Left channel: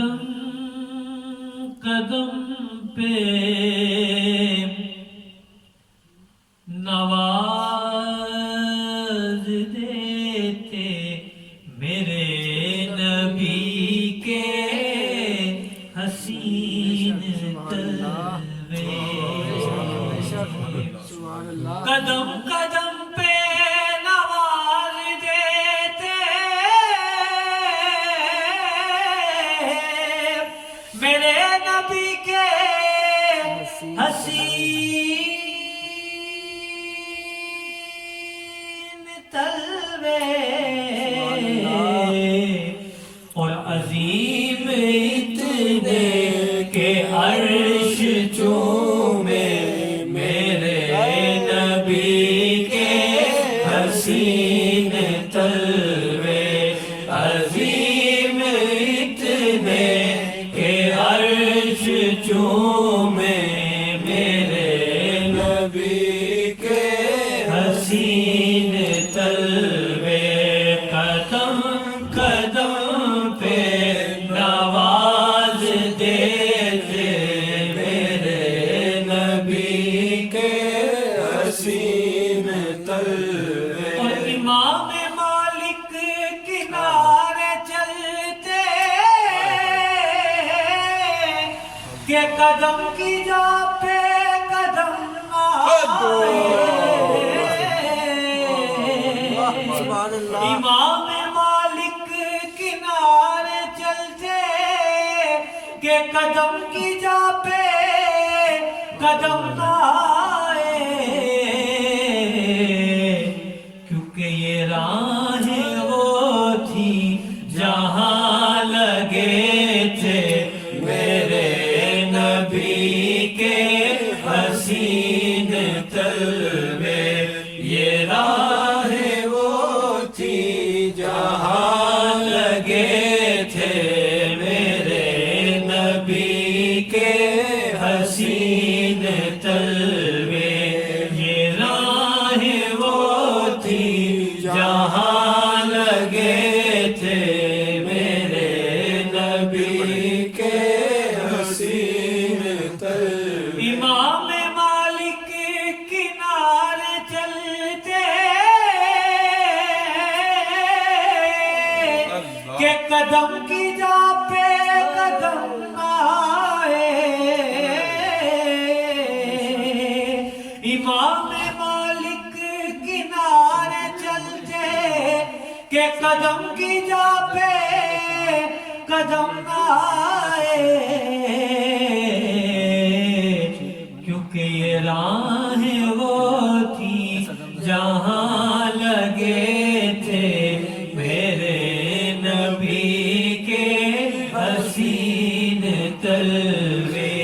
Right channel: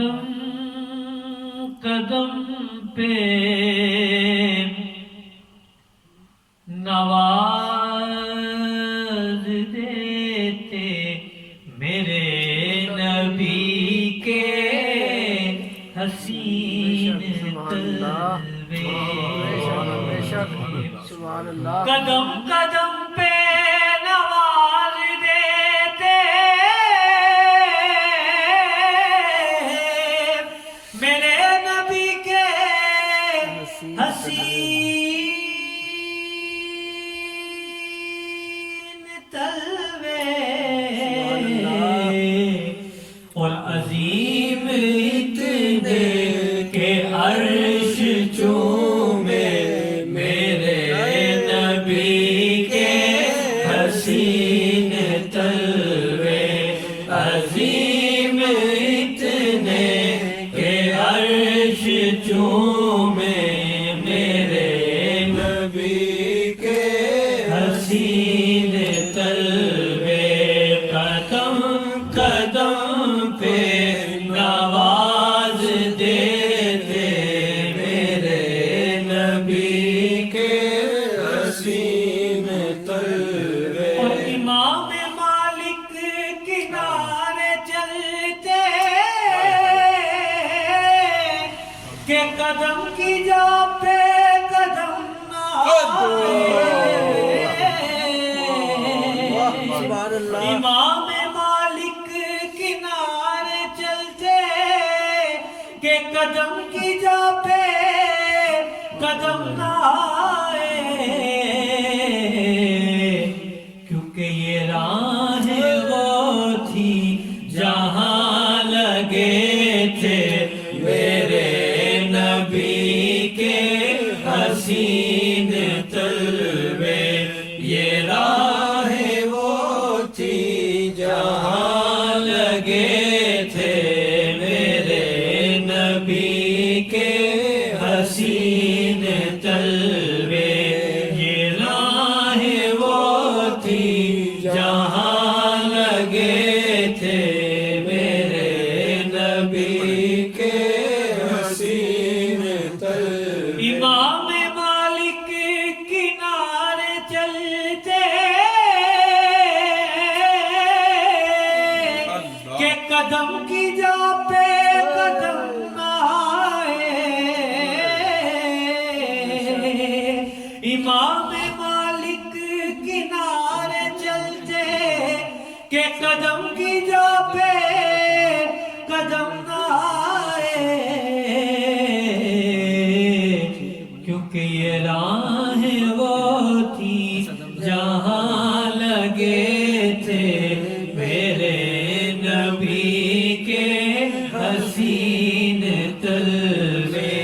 قدم قدم پہ نواز دیتے میرے نبی کے حسین تلوے، قدم قدم پہ نواز دیتے میرے نبی کے حسین تلوے، اور عظیم اتنے کہ عرش چومے میرے نبی کے حسین تلوے، عظیم اتنے کہ عرش چومے میرے نبی کے حسین تلوے، قدم قدم پہ نواز دیتے میرے نبی کے حسین تلوے، اور امام مالک کنارے چلتے کہ قدم کی جا پہ قدم نہ امام مالک کنارے چلتے کہ قدم کی جا پہ قدم نہ آئے، کیونکہ یہ راہ وہ تھی جہاں لگے تھے میرے نبی کے حسین تلوے، یہ راہ وہ تھی جہاں لگے تھے میرے نبی کے حسین تلوے، یہ راہ وہ تھی جہاں لگے تھے میرے نبی کے حسین تلوے، امام مالک کنارے چلتے کہ قدم کی جا پہ قدم نہ آئے، امام مالک کنارے چلتے کہ قدم کی جا پہ قدم نہ آئے، کیونکہ یہ راہ وہ تھی جہاں لگے تھے میرے نبی کے حسین تلوے،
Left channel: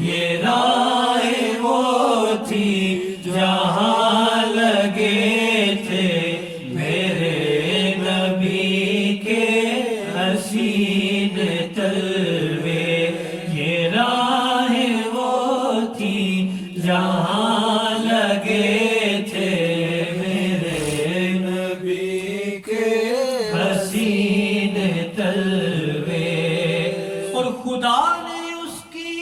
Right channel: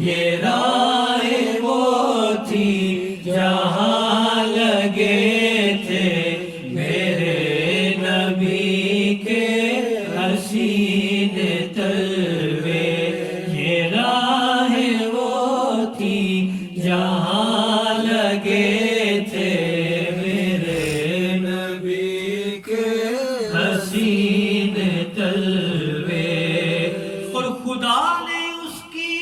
یہ راہ وہ تھی جہاں لگے تھے میرے نبی کے حسین تلوے، یہ راہ وہ تھی جہاں لگے تھے میرے نبی کے حسین تلوے، اور خدا نے اس کی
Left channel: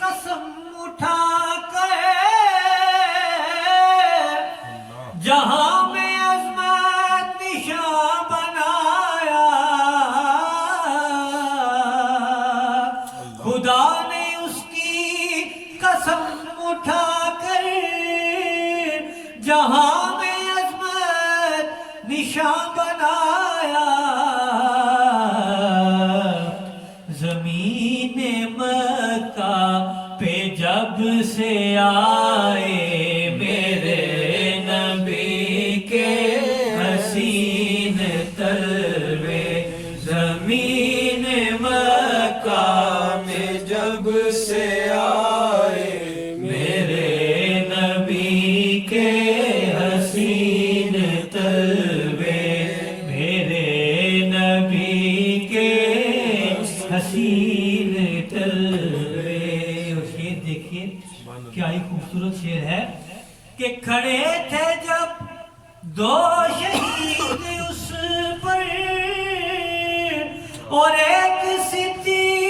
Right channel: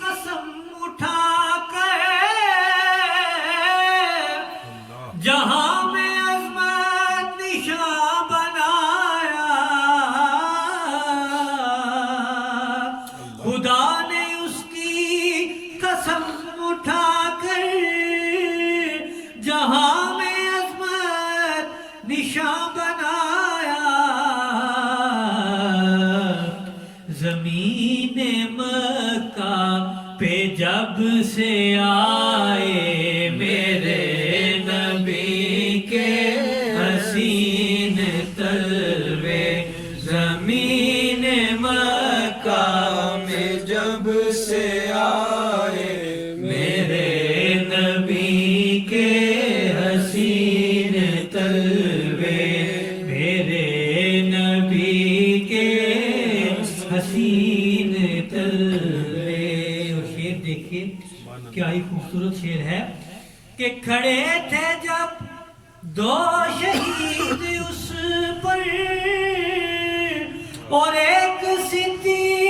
قسم اٹھا کر جہاں میں عظمت نشاں بنایا، خدا نے اس کی قسم اٹھا کر جہاں میں عظمت نشاں بنایا، زمین مکہ پہ جب سے آئے میرے نبی کے حسین تلوے، زمین مکہ میں جب سے آئے میرے نبی کے حسین تلوے، میرے نبی کے حسین تلوے، شعر دیکھیے کیا ہی خوبصورت شعر ہے کہ کھڑے تھے جب دو شہید اس پر اور ایک صدیق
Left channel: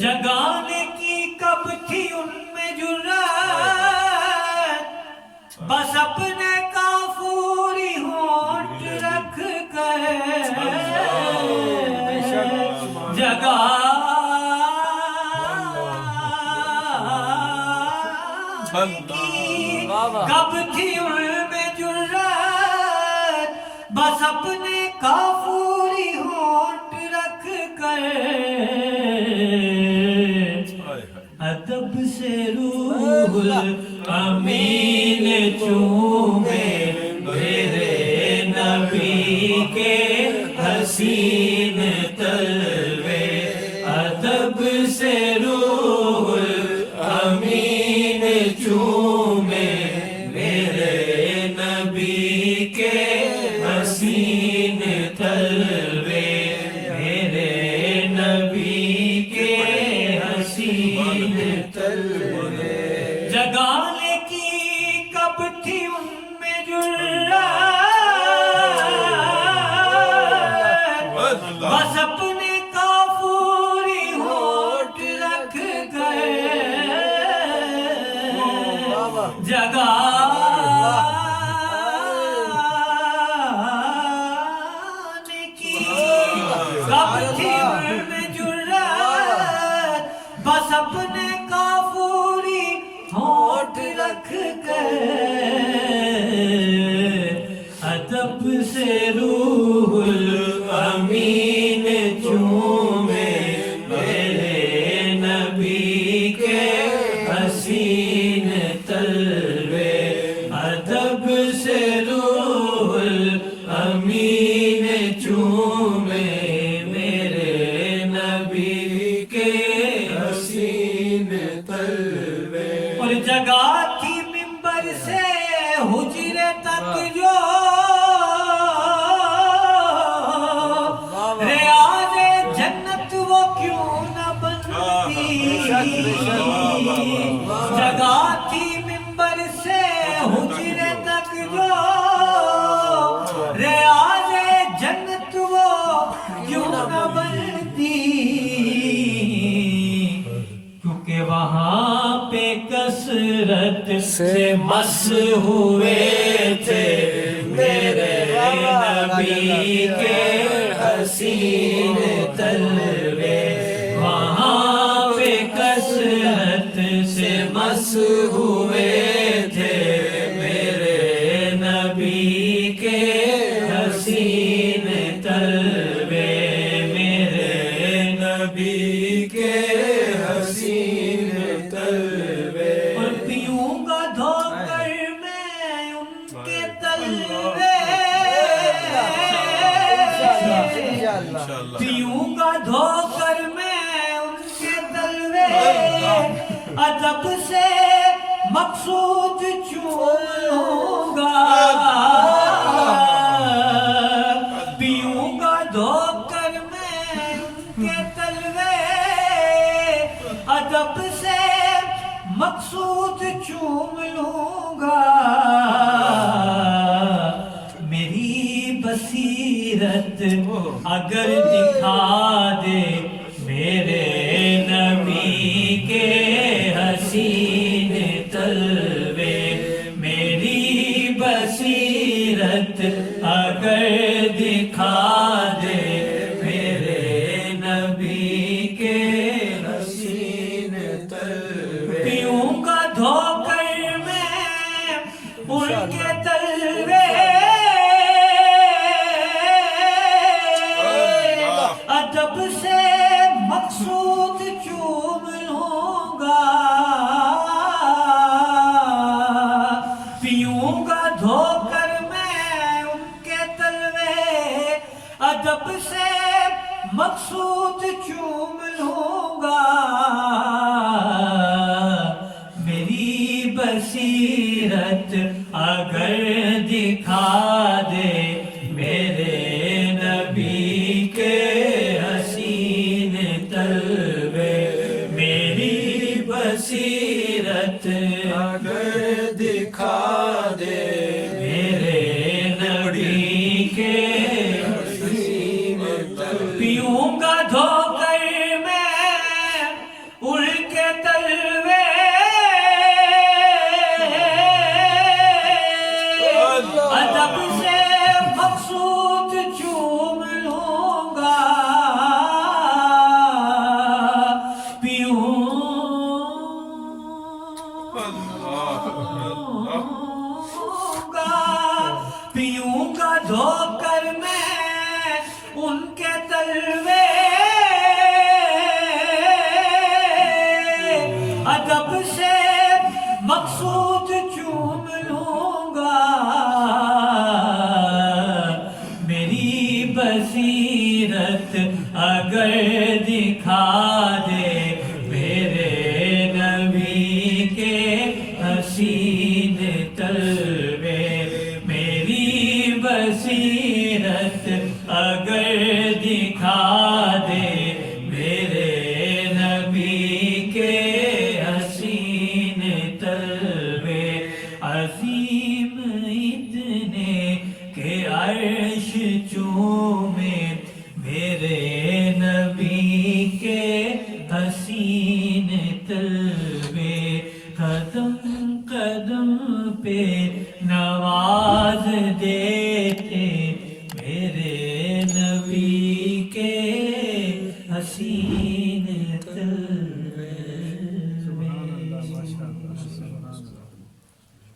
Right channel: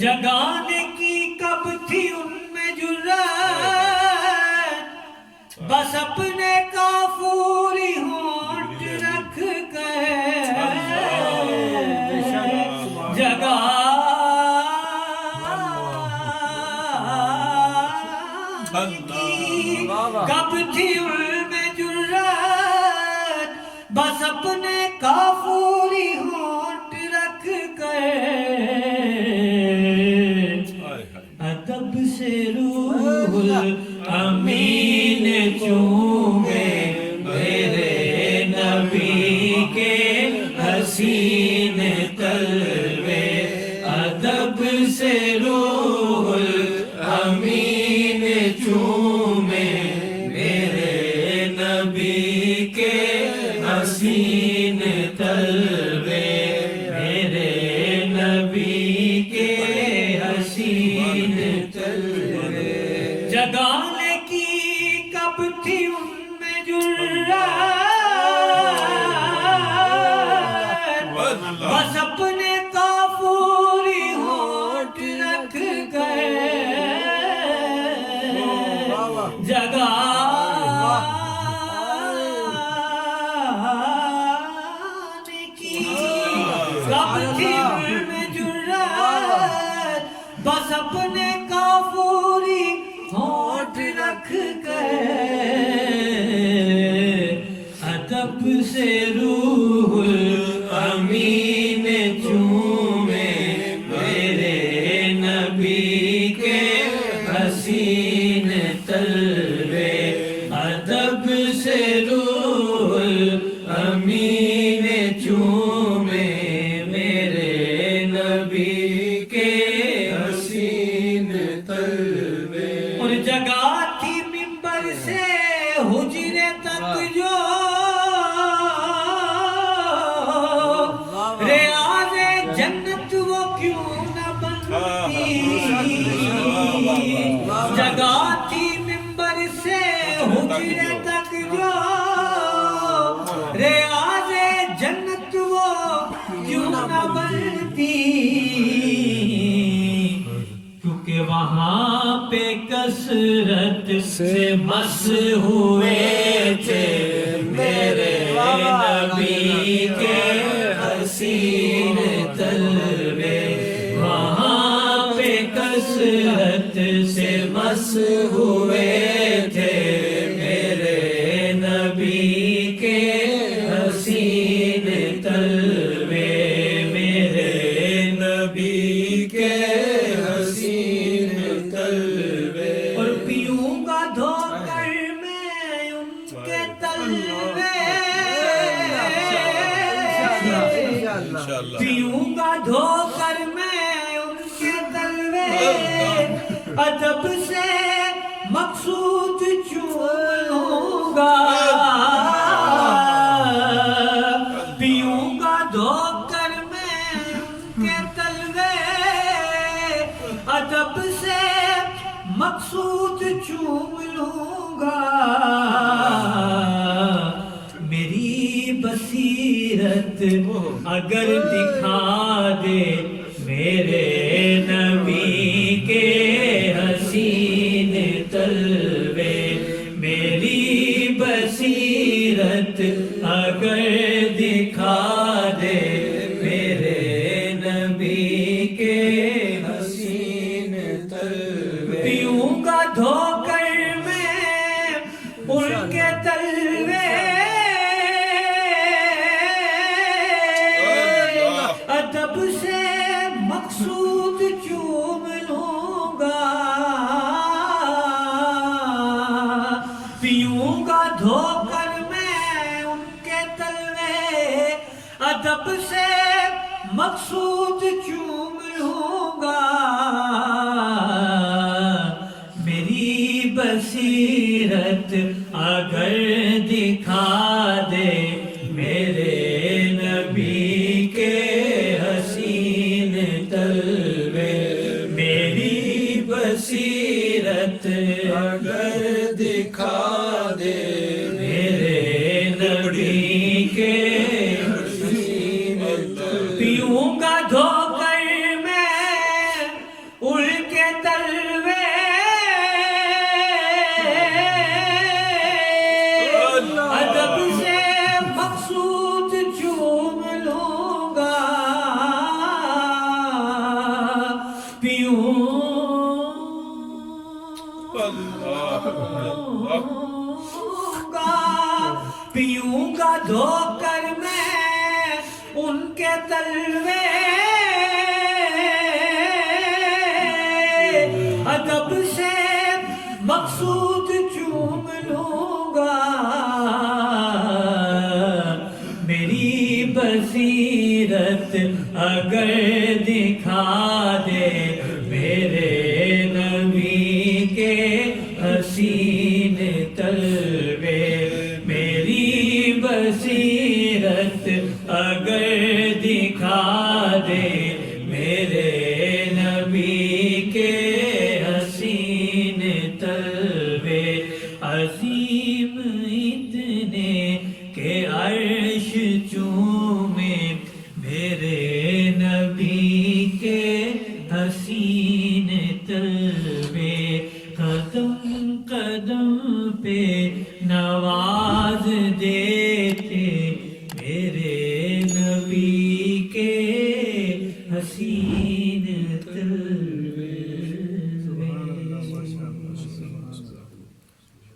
جگانے کی کب تھی ان میں جرات بس اپنے کافوری ہونٹ رکھ کر کب تھی ان میں جرات بس اپنے کافوری ہونٹ رکھ کر ادب سے روح الامین چومے میرے نبی کے حسین تلوے ادب سے روح الامین چومے میرے نبی کے حسین تلوے میرے نبی کے حسین تلوے جگانے کی کب تھی ان میں جرات بس اپنے کافوری ہونٹ رکھ کر جگانے کی کب تھی ان میں جرات بس اپنے کافوری ہونٹ رکھ کر ادب سے روح الامین چومے میرے نبی کے حسین تلوے ادب سے روح الامین چومے میرے نبی کے حسین تلوے اور جگہ تھی منبر سے حجرے تک جو ریاض جنت وہ کیوں نہ بنتی جگہ تھی منبر سے حجرے تک جو ریاض جنت وہ کیوں نہ بنتی کیونکہ وہاں پہ کثرت سے مس ہوئے تھے میرے نبی کے حسین تلوے وہاں پہ کثرت سے مس ہوئے تھے میرے نبی کے حسین تلوے میرے نبی کے حسین تلوے اور پیوں گا دھو کر میں ان کے تلوے پیوں گا دھو کر میں ان کے تلوے ادب سے مقصود چوں گا پیوں گا دھو کر میں ان کے تلوے ادب سے مقصود چوم لوں گا میری بصیرت اگر دکھا دے میرے نبی کے حسین تلوے میری بصیرت اگر دکھا دے میرے نبی کے حسین تلوے پیوں گا دھو کر میں ان کے تلوے ادب سے مقصود چوم لوں گا پیوں گا دھو کر میں ان کے تلوے ادب سے مقصود چوم لوں گا میری بصیرت اگر دکھا دے میرے نبی کے حسین تلوے میری بصیرت اگر دکھا دے میرے نبی کے حسین تلوے پیوں گا دھو کر میں مقصود چوم لوں گا میری بصیرت اگر دکھا دے میرے نبی کے حسین تلوے میری بصیرت اگر دکھا دے میرے نبی کے حسین تلوے عظیم اتنے کہ عرش چومے میرے نبی کے حسین تلوے قدم قدم پہ نواز دے